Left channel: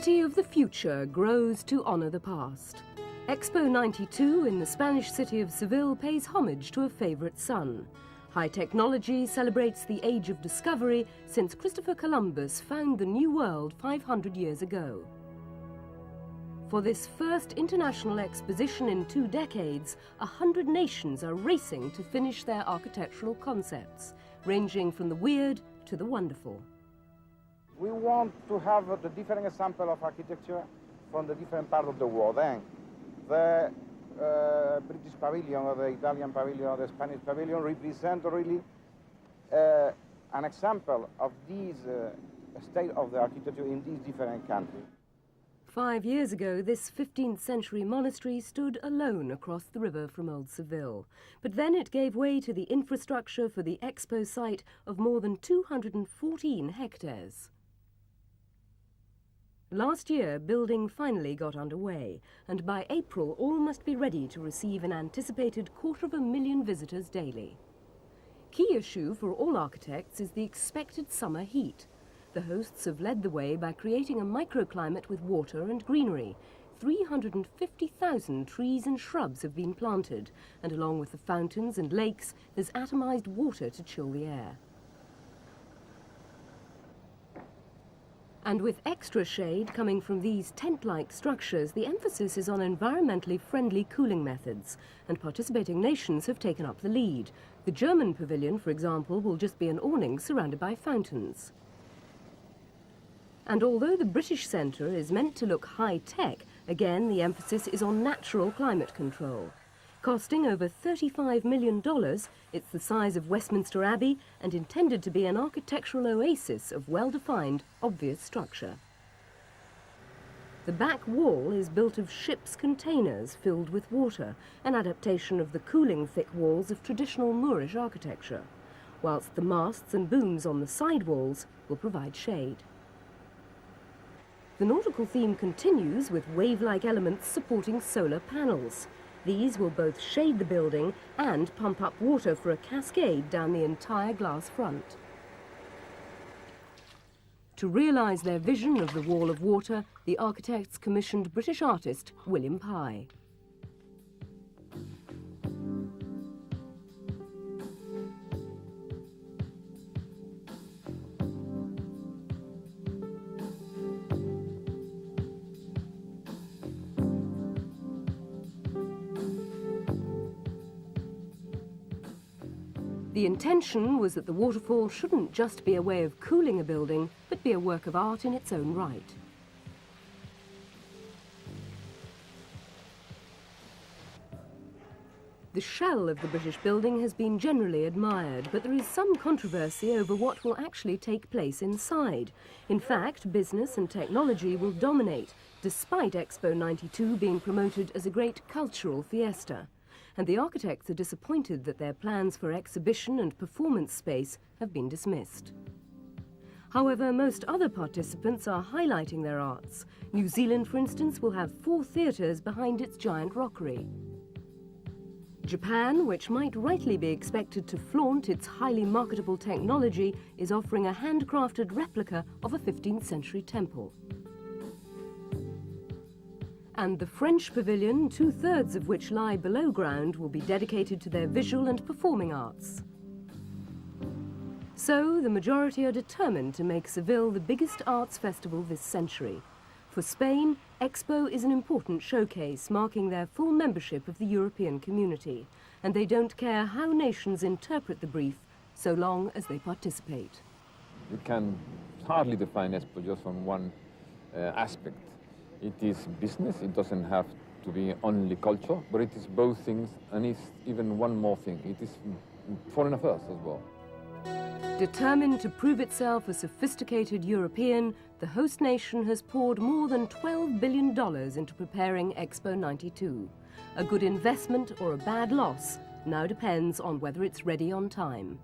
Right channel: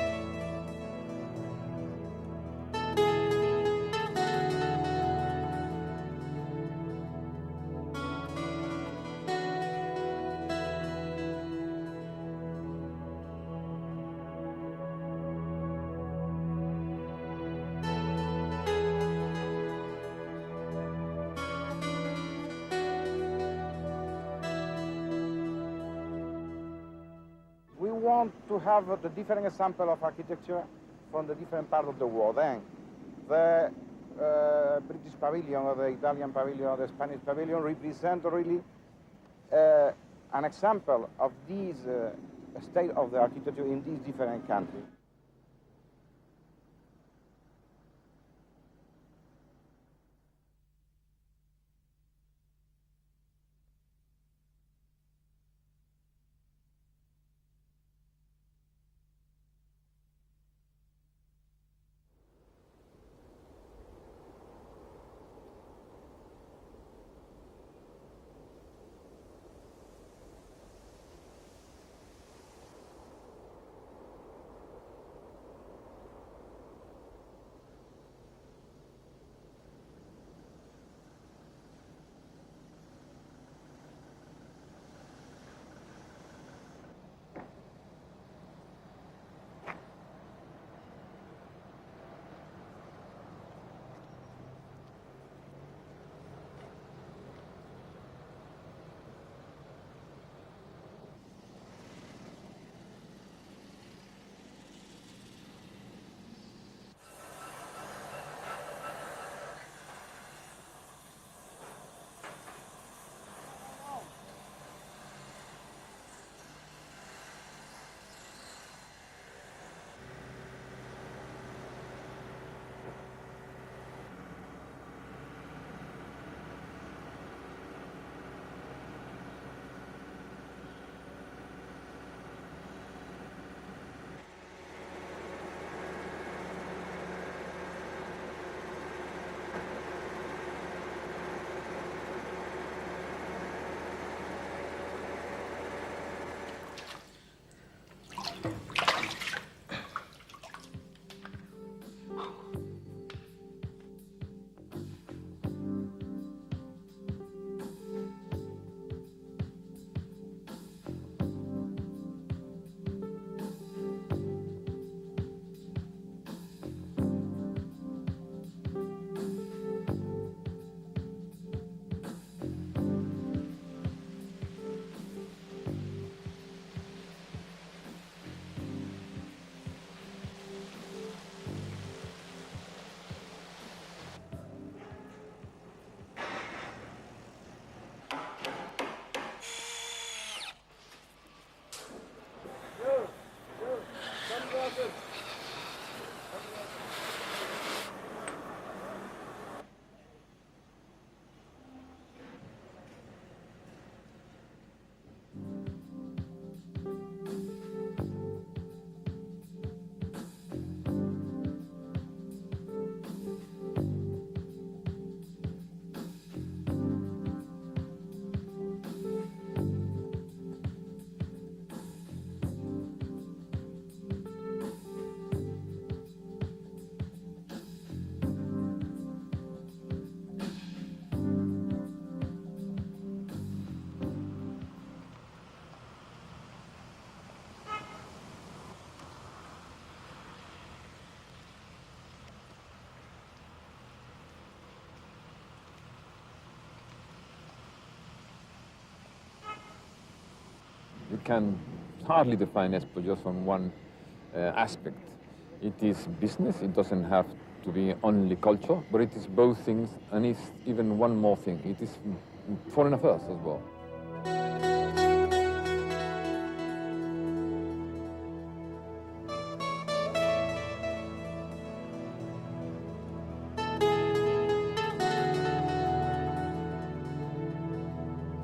city of the future grows to honour the past. Expo 92 in the Spanish city of Seville pays homage to a favourite son. High technology celebrates the age of discovery since Christopher Columbus found the New World 500 years ago. For this first international exposition in 2 decades, 100 nations are racing to finish their architectural concepts, ranging from the weird to the wonderful. We want to have the different example of architecture from the different parts of the world. And the British pavilion, or the Italian pavilion, or the Spanish pavilion represent really an example of this state of the architecture in these different countries. 5 years ago, this 15th century monastery stood alone across the river from Old Seville. But then it gave way to the infrastructure for the Expo site of more than 214 hectares. Last year, building finally got underway, and by April all must be ready to receive an anticipated 250,000 visitors daily. Key issue for all architects is the expected summer heat. The hosts have led the way by creating a microclimate with water and greenery. 350,000 trees and shrubs have been planted, and along with the fountains and lakes, there's atomized water to chill the air. And with extra shade coming from these tent-like structures, the emphasis is on environmentally friendly cooling methods, and participating nations have taken up the lead. The German pavilion, for example, will just be an awning surrounded by fountains. And although the British Centre is meant to look high-tech, again the emphasis is on natural climate control. Costing over $35 million, it's the size of Westminster Abbey and intended to be an architectural oasis of well-defined, obvious structure. The back wall is built of ship's containers filled with water, an adaptation of the cooling thick walls of traditional Moorish architecture, whilst the masts and booms on the side walls will provide shade. The nautical theme continues with wave-like elements supporting solar panels. These will both shade the building and pump up water for a cascade down the entire glass front. To realise their vision of the wall of water, the architects commissioned British artist William Pye. The intention was that the waterfall shouldn't just be a way of cooling a building, but be a work of art in its own right. The shell of the British building has been generally admired, but there is some controversy over what will actually take place inside. In fact, business and technology will dominate, despite Expo 92 being promoted as a great cultural fiesta. And the architects are disappointed that their plans for exhibition and performance space have been dismissed. However, most other participants are highlighting their arts. New Zealand, for instance, will have 4 theatres behind its giant rockery. Japan, which might rightly be expected to flaunt its highly marketable technology, is offering a handcrafted replica of a 15th century temple. And the French pavilion, 2/3 of which lie below ground, will be dedicated to their visual and performing arts. So, the majority are determined to make Seville the biggest arts festival this century. For Spain, Expo is an important showcase, marking their full membership of the European community. And they don't care how nations interpret the brief, so long as they participate. You can hardly define Expo just on one aspect. It is business, it doesn't have to be only culture, but it is both things, and it's even one more thing. It is foreign affairs as well. Determined to prove itself a sophisticated European, the host nation has poured more than $12 billion into preparing Expo 92. A good investment or a bad loss now depends on whether it's ready on time.